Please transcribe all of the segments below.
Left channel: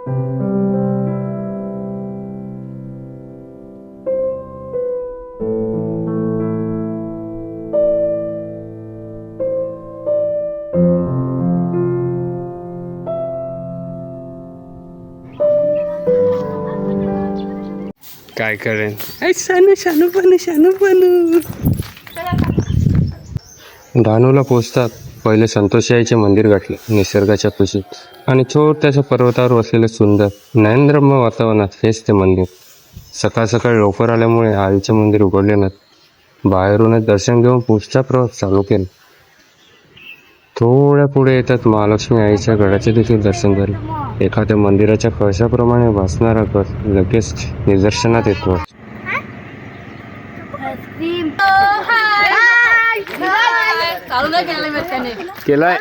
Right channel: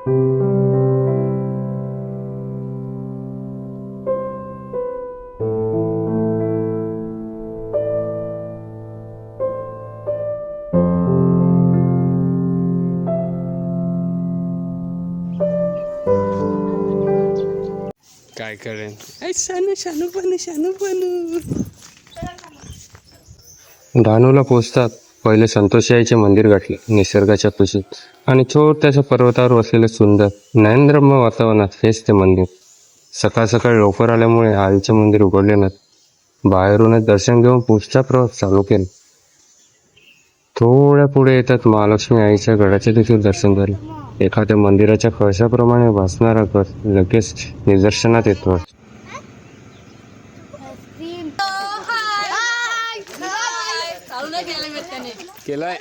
काय करेन शानू. डहाणूला पोचतात पहिले संतोषाईचे मंदिर गाठले निसर्गाच्या कुशीत आणि छोट्याशा पर्वतावर वसलेले सुंदर नयनरम्य वातावरणात हेच ते मंदिर. सकाळ सकाळी लवकर आल्यामुळे आईचे मंदिर उघडले नाही. बाहेरूनच दर्शन घेऊन पुढचा प्रवास चालू केला. थोड्या पुढे येतात महालक्ष्मी आईच्या गडाचे देखील दर्शन झाले. एखाद्या मंदिराच्या कळशाप्रमाणे भासणारा गड लगेच निदर्शनात येतो. केलाय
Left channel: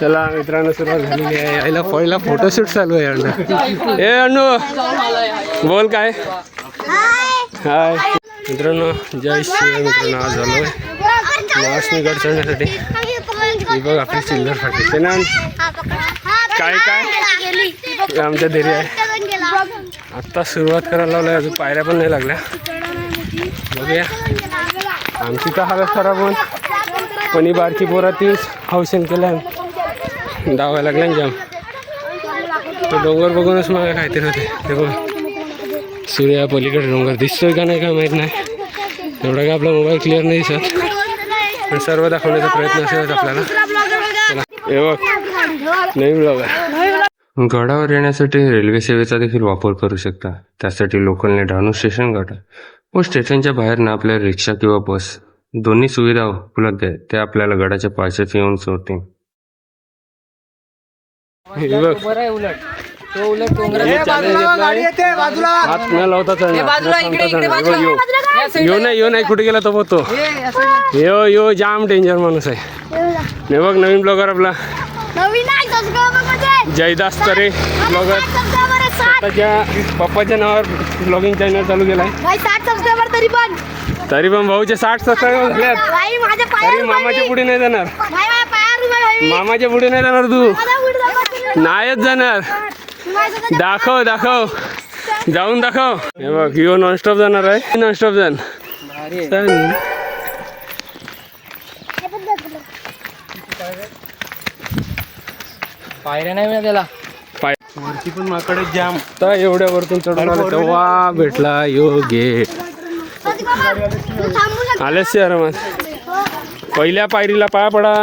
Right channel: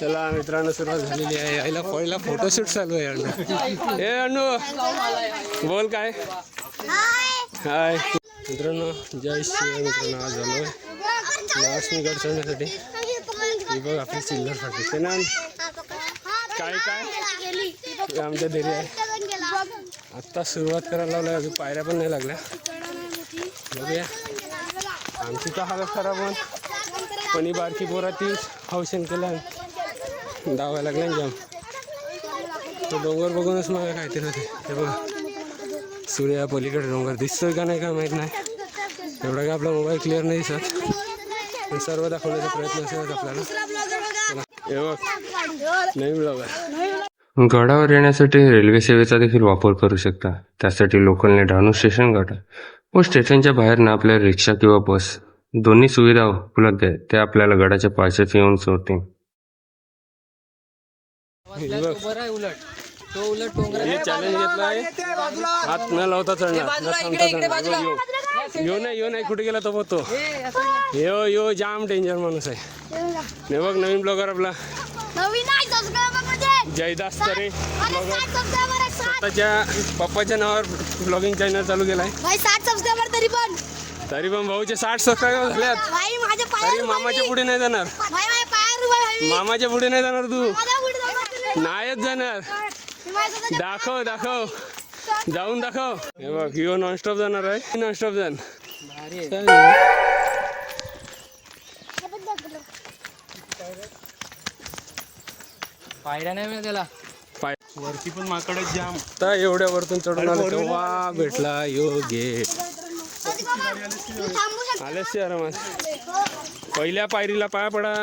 चला मित्रांनो, सुरुवात झालेली आहे. आईला पहिला फोटोशूट चालू आहे. अण्णा ए अण्णू बोल काय. हाय मित्रांनो, जय श्री मित्रांनो. आज झालोय महालक्ष्मी गड चढण्यासाठी. ही बघ आपली चिल्लर फाटी ते ना काय काय आमच्या धैर्य आहे. आत्ता सुरुवात करायला लावलं, अजून पायऱ्या पण नाही लागल्या. बघूया आमची का हालत खराब होऊन पण ही बारकी पोरा तीच हौसेन केल्या धावायला लागल्या जाम. तो डोंगर बघूनच मला काहीतरी होते. ते बघ सूर्या पलीकडे डोंगर दिसतोय का नाही काय माहीत नाही. एवढा का आपला मोबाईल क्लिअर नाही दिसत, पण सर्व दाखवण्याचा प्रयत्न असेल आपल्याला. हे बघ नाही ब्लॉगर. गडावर येण्यासाठी रेल्वे सेवेचा देखील वापर करू शकता. त्यासाठी लोकलने डहाणू स्टेशन गाठा व स्टेशनच्या बाहेर ना आपल्या रिक्षा किंवा बस दोन्ही सुविधा उपलब्ध आहेत. ते आपल्याला गडाच्या पायथ्याशी येऊन सोडते. यो नाही कुठे गेला तो बघतो. यो जाम डेंजर माणूस आहे. हे बघ नवीन ब्लॉगर आपला जयदास तरे ब्लॉगर. स्वतःच्या पप्पाच्या नावावर ब्लॉगिंग चॅनल चालू केलाय. तरी पण भाऊचे 60 सबस्क्रायबर झाल्यात. तरी मामाच्या पुढे नाही जाणार. मामाच्या पुढे नाही जाणार तू. नाहीच जाणार. दाखव जाऊन दाखव. हे बघ यो नॉनस्टॉप जाणार आहे. नॉनस्टॉप जाण पायऱ्या नाही मिळत त्याला. वरती पण माकडे जाम. तर एवढ्या वरतून चढून आले तेव्हा भेटला योगे. आलेच आरामात. पहिल्या पायरीला पाया पडा.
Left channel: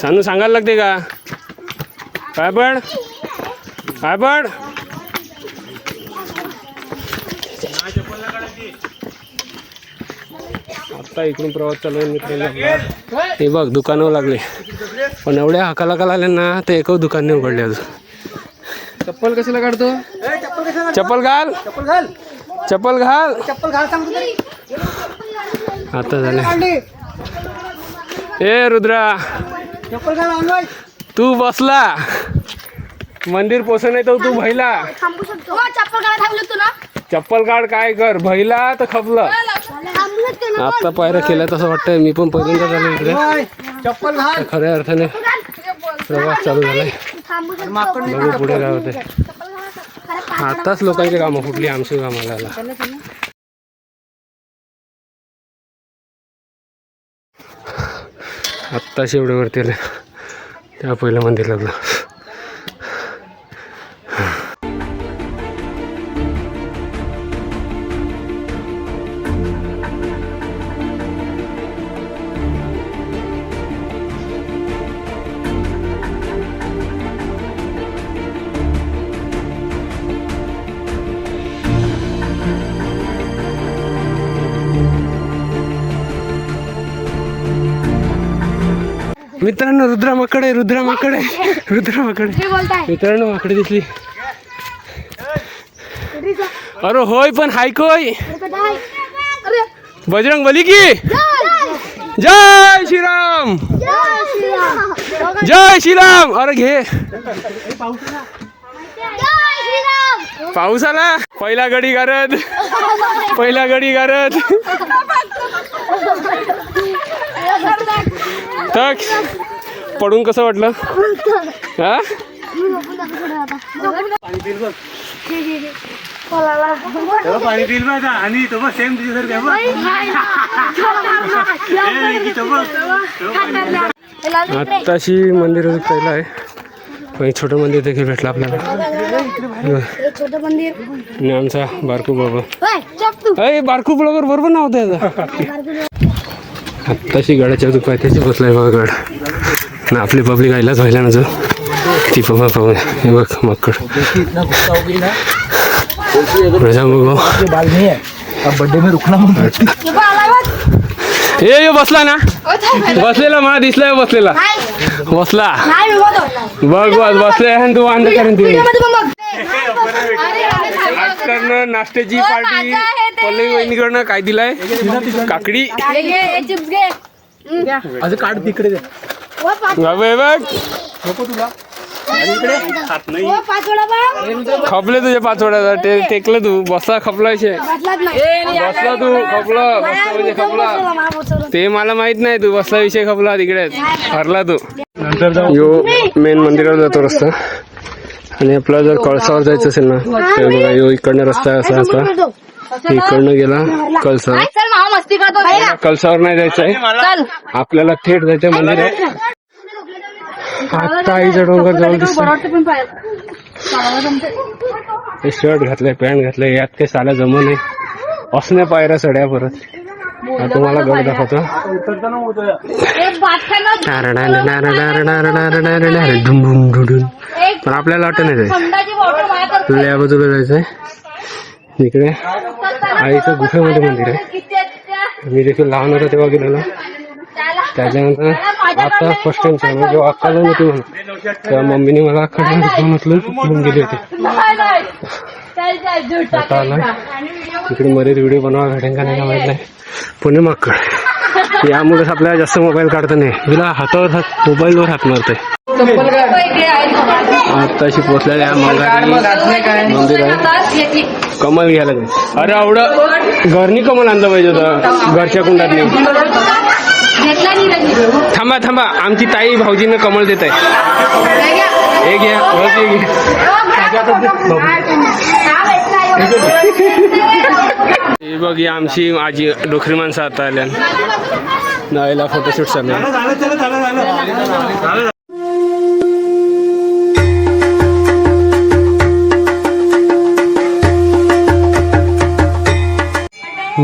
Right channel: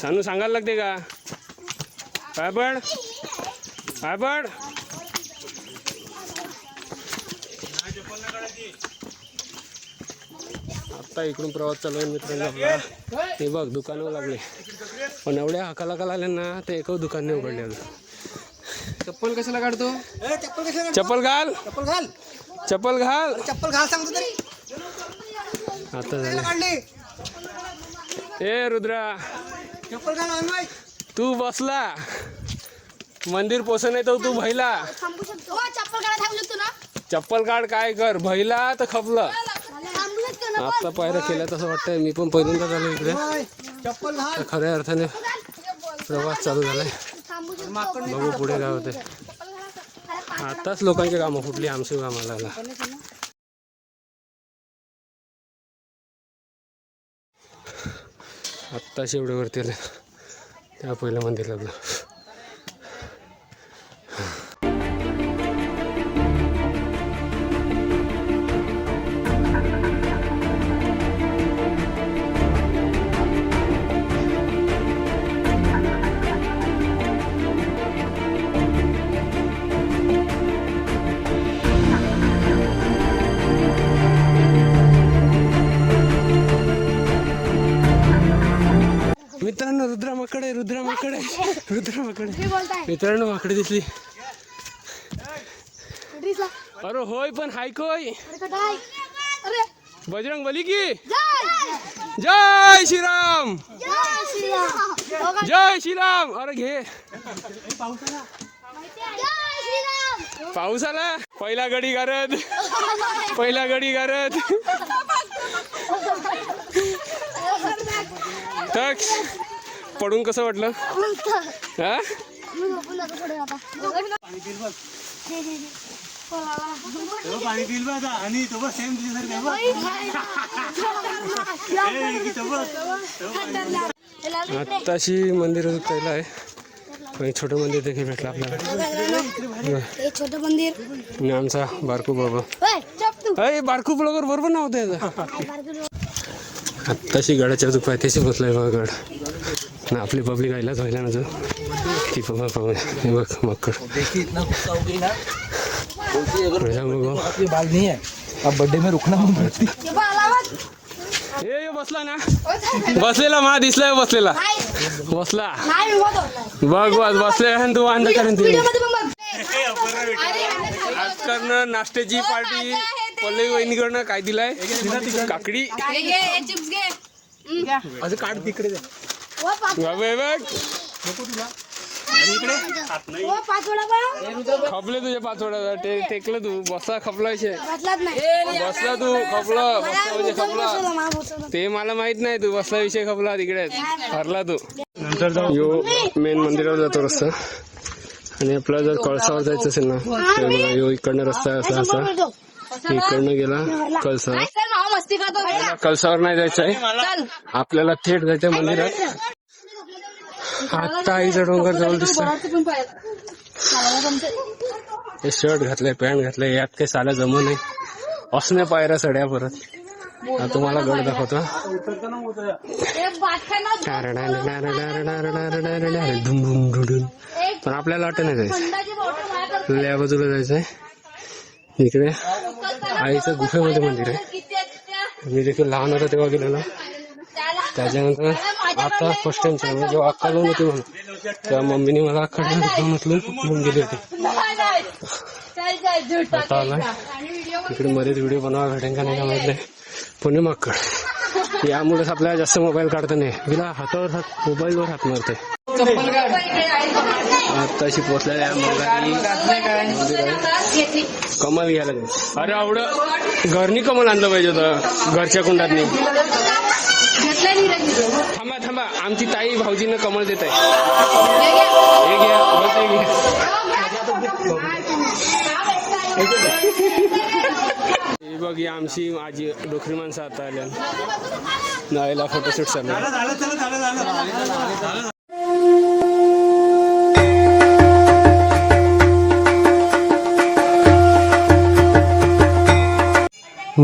सानू सांगायला लागते का पाय पड. आता इकडून प्रवास चालू आहे मित्रांनो. हे बघ दुकानं लागले, पण एवढ्या हाकाला आले ना ते एकच दुकान नाही उघडले अजून. चप्पल कशाला काढतो. चप्पल घाल. आता झाले. ए रुद्रा तू बसला मंदिर पोचत नाही तर तू भैला. चप्पल काढ काय कर. भैला तर खपला. आता पायऱ्या केल्या तसं वाटतंय. मी पण पहिल्यांदा झालो इकडे. खऱ्या अर्थाने प्रवास चालू झालाय. बघू पुढे काय होते. आताच लोकांची कामं फुटली आमची कामाला यायला. आत्ताच एवढे वरती आले. त्या पहिलं मंदिर लागलं. मित्रांनो रुद्रा माकडे मित्रांनो माकडे दिसली. अरे होय पण हाय कोय. बजरंग बली की जय श्रीराम. अरे घे पाऊस आला. पहिला गडी गारद. तक पडून कसं वाटलं. हा पाणी पिल आता आणि तो सेम आत्ताशी मंदिर पहिलं आहे पण एक छोटं मंदिर देखील भेटलं आपल्याला. छोटं मंदिर आणि आमचा बारकू बाबा अरे बारकू ब्लॉगर बरोबर नाव त्याचं. आत्ताशी गडाच्या अजून पायथ्याशी बसलाय बघा गड ना. आपली पब्लिक आयलाच व्हायला ना जो ती बघा पाहून हे बघ मक्कड प्रजा बघू बर्थडे में रुकना ये बसला ना बसलेला मला दिसलाय बसलेला बसला बघ बस बसले तू अंध करून ती आजकडनं नाश्त्याची पार्टी पल्लवी वहिनीकडनं काय दिलाय काकडी असं काढ तिकडे दे. बघ तुला खपले तुझे पाचवड्याचा टेकलं तू बसला खपलायचे बसला तू खपला बसला म्हणजे खपला ते मला माहित नाही तू बसला विषय खपला तिकडे हरला तू. यो मेन मंदिरावर जातो रस्ता आणि आपला जर कळसावर जायचं असेल ना तर बघा यो इकडनं रस्ता असा असा इकडनं गेला कळसावर नाही जायचंय आपल्याला थेट जायचंय मंदिरात. आता आईचा डोंगर जवळ दिसतो. शर्ट घातलंय पॅन्ट घातलंय यात काही साला जमू नये असण्या पायऱ्या चढ्या परत. तुम्हाला गड दाखवतो पण आपल्याला वाटत नाही जायचं या बाजूला जायचंय. इकडे आईचं गुफेमध्ये मंदिर आहे. मी देखील लहान होतो तेव्हा गेलेलो. त्याच्यानंतर आता फर्स्ट टाइम म्हणजे जेव्हा अक्का जाऊन होती म्हणून तेव्हा मम्मीने मला अक्का म्हटलं गेली होती. आता आला तिकडे बरेच व्हिडिओ बनवा भेटेन का नाही का माहित नाही. पुणे माकड यामुळेच आपल्याला जास्त मोबाईल काढता नाही तुला हातावर मोबाईलवर हात मारतोय. आत्ताशी पोचलेल्या मंदिर आहे कमल घ्यायला जायचं. अरे आवडं घरनी कमल आणलं पाहिजे होतं घरच्या कुंडात नाही. थांबा थांबा आमची ताई भाऊजीनं कमल देत आहे. हे घ्या हे बघ ही आमची आजी डोकरी माणसं आता आल्या नाईला फोटोशूट चालू आहे.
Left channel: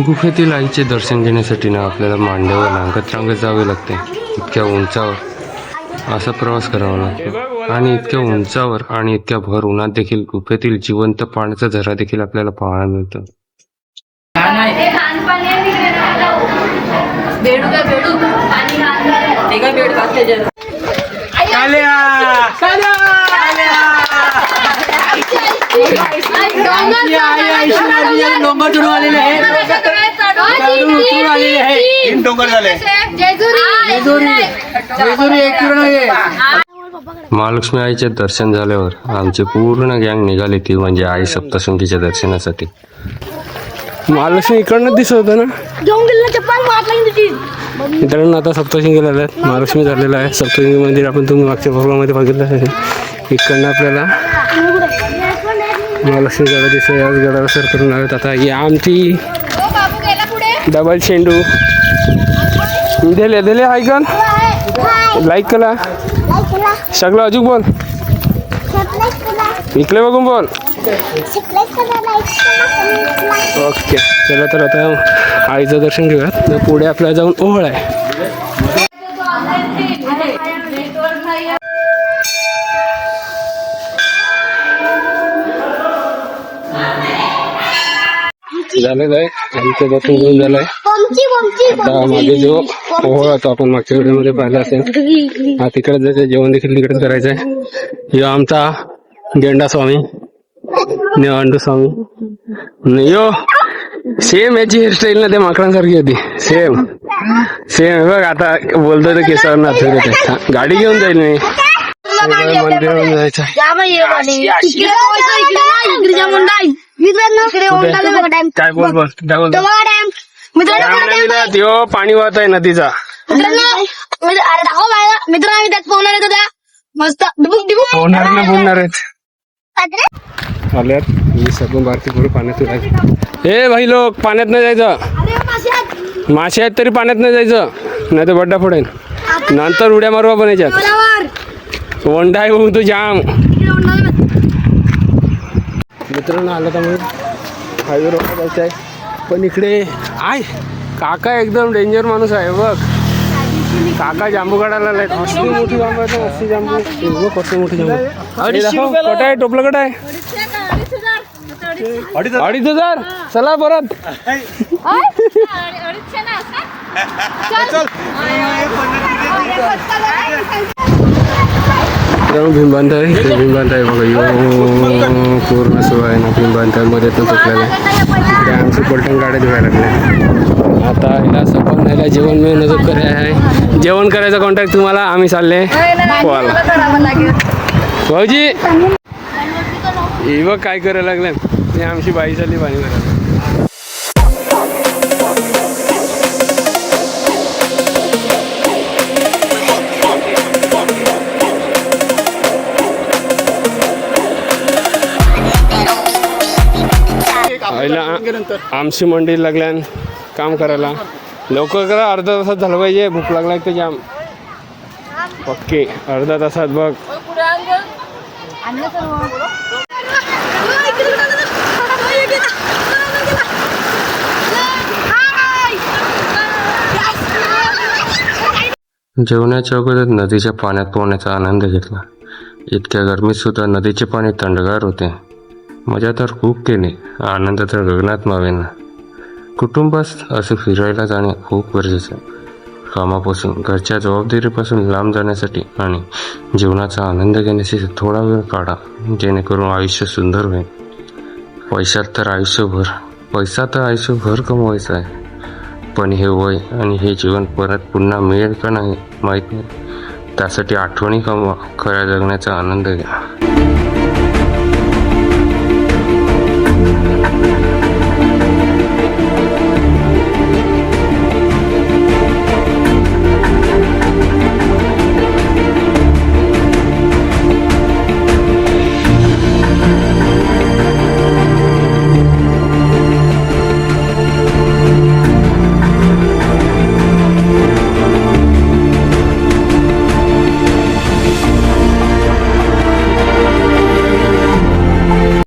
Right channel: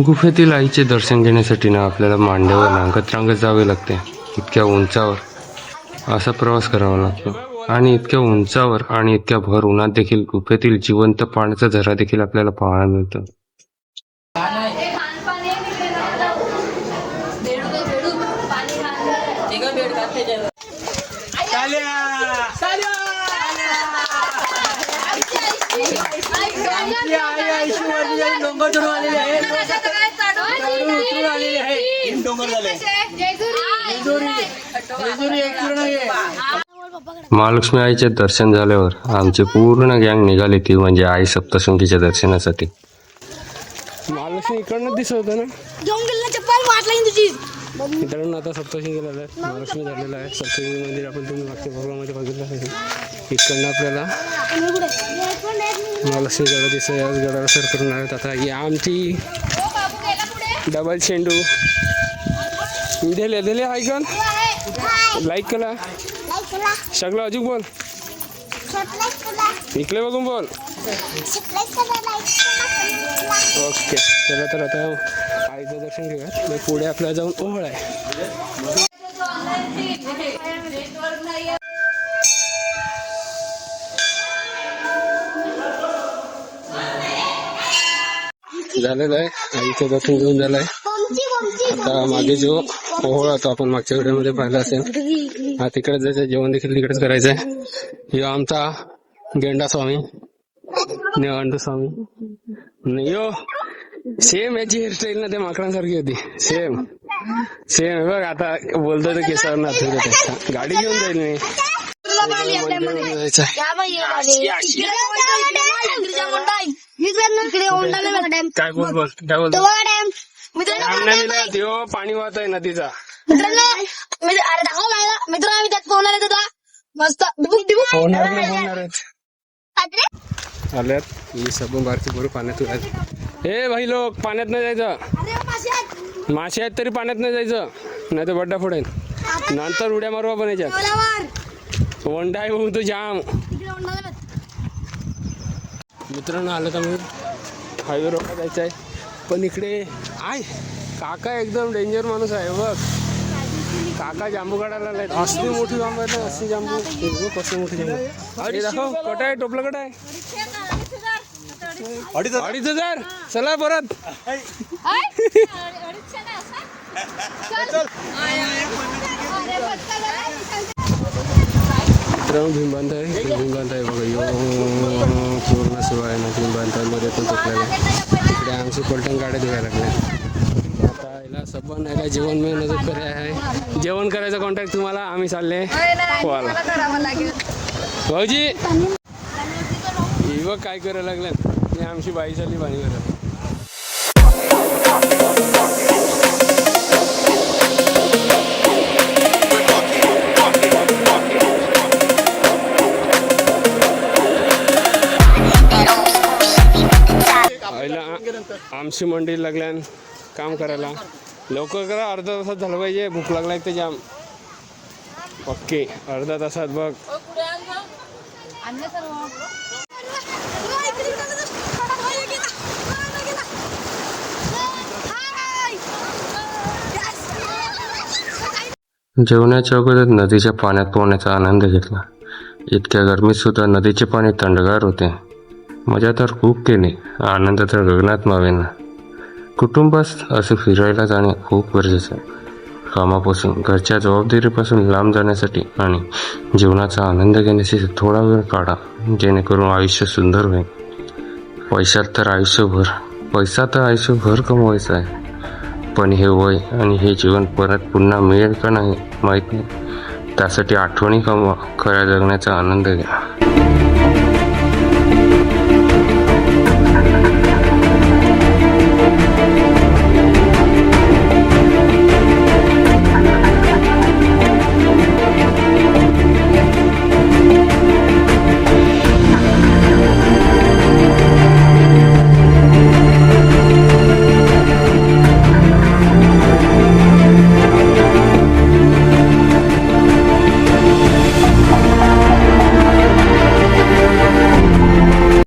गुफेतील आईचे दर्शन घेण्यासाठी ना आपल्याला मांड्यावर रांगत जावे लागते. इतक्या उंचावर असा प्रवास करावा लागतो आणि इतक्या उंचावर आणि इतक्या भर उन्हात देखील गुफेतील जिवंत पाण्याचा झरा देखील आपल्याला पाहायला मिळतो. महालक्ष्मी आईचे दर्शन झाल्यावर आमची पूर्ण गँग निघाली ती म्हणजे आई सप्तशृंगीच्या दर्शनासाठी. महालक्ष्मी इकडनं दिसत होतं ना मित्रांनो. आता सप्तशृंगी गेलेलं आहे महालक्ष्मी झालेलं आहे. सप्तशृंगी मंदिर आपण तुम्ही मागच्या भागामध्ये बघितलं आहे. इकडनं आपल्याला महालक्ष्मी गडा दिसत याच गडाला सर करून आलेत. आता ही आमची डबल शेंडू दिले दिले ऐकन लाईक केला सगळं अजून बोल इकडे बघून बोल. ओके चला तर आता आईचं दर्शन घेऊयात. पुढे आपल्याला जाऊन ओहळ आहे. झालेलं आहे आईचं दर्शन घेऊन झालंय. आता मागे जो ओहळ होता आपण मागच्या व्हिडिओमध्ये पाहिला असेल हा तिकडे जायचं. जेवण देखील तिकडेच करायचं आहे. यो आमचा गेंडा स्वामी निवांडू स्वामी यो सेम याची हेअरस्टाईल ना त्या माकडांसारखी होती. सेम सेम बघ आता बोलतोय तर केसावर नाच गाडी घेऊन जाईल मी मंदिरावर जायचं आहे. काय बोल बोल काय बोलतो त्यो पाणी वाहत आहे नदीचा. मित्रांनो त्यात पाहुणार येतो त्या मस्त होणार ना बोलणार आहेत आल्यात मी सर्व भारती पुढे पाण्यात उडाले. ए भाई लोक पाण्यात नाही जायचं. मासे आहेत तरी पाण्यात नाही जायचं, नाही तर बड्डा फोडेन. नंतर उड्या मारवा पण याच्यात वंडा आहे तू जाम. मित्रांनो आलं का मग हायवे रोड जायचं आहे. पण इकडे आय काका एकदम डेंजर माणूस आहे बघ. काका जांबू काढायला लाईट असली मोठी जांबू आहे, असली जांबू कसली मोठी जांबू. कट आहे टोपलं कट आहे 2,500. चला परत भीमबांध आहे. इकडे भीमबांध आहे बघा. यो पूर्ण सुरू आहे ना भीमबांधामध्ये तर तुटलेलं आहे. आमची पलटण गाड्या धुवायला लागल्या. आता हिला सपन न्यायला जेवण मी नजर करे आहे. जेवण करायचा कॉन्टॅक्ट तुम्हाला आम्ही चालले भाऊजी. हे बघ काय करायला लागले. हे आमची बाई चालली पाणी भरायला. आमची मंडी लागल्यान काम करायला लवकर करा. अर्धा तासात झालं पाहिजे. भूक लागला तर जाम ओके. अर्धा तासात बघ. जेवणाच्या अगोदर नदीच्या पाण्यात पोहण्याचा आनंद घेतला. इतक्या गरमीत सुद्धा नदीचे पाणी थंडगार होते. मजा तर खूप केली. आनंद तर गगनात मावेना. कुटुंबास असं फिरायला जाणे खूप गरजेचं आहे. कामापासून घरच्या जबाबदारीपासून लांब जाण्यासाठी आणि जीवनाचा आनंद घेण्यासाठी थोडा वेळ काढा, जेणेकरून आयुष्य सुंदर होईल. पैसा तर आयुष्यभर कमवायचा आहे, पण हे वय आणि हे जीवन परत पुन्हा मिळेल का नाही माहीत नाही. त्यासाठी आठवणी कमवा, खऱ्या जगण्याचा आनंद घ्या.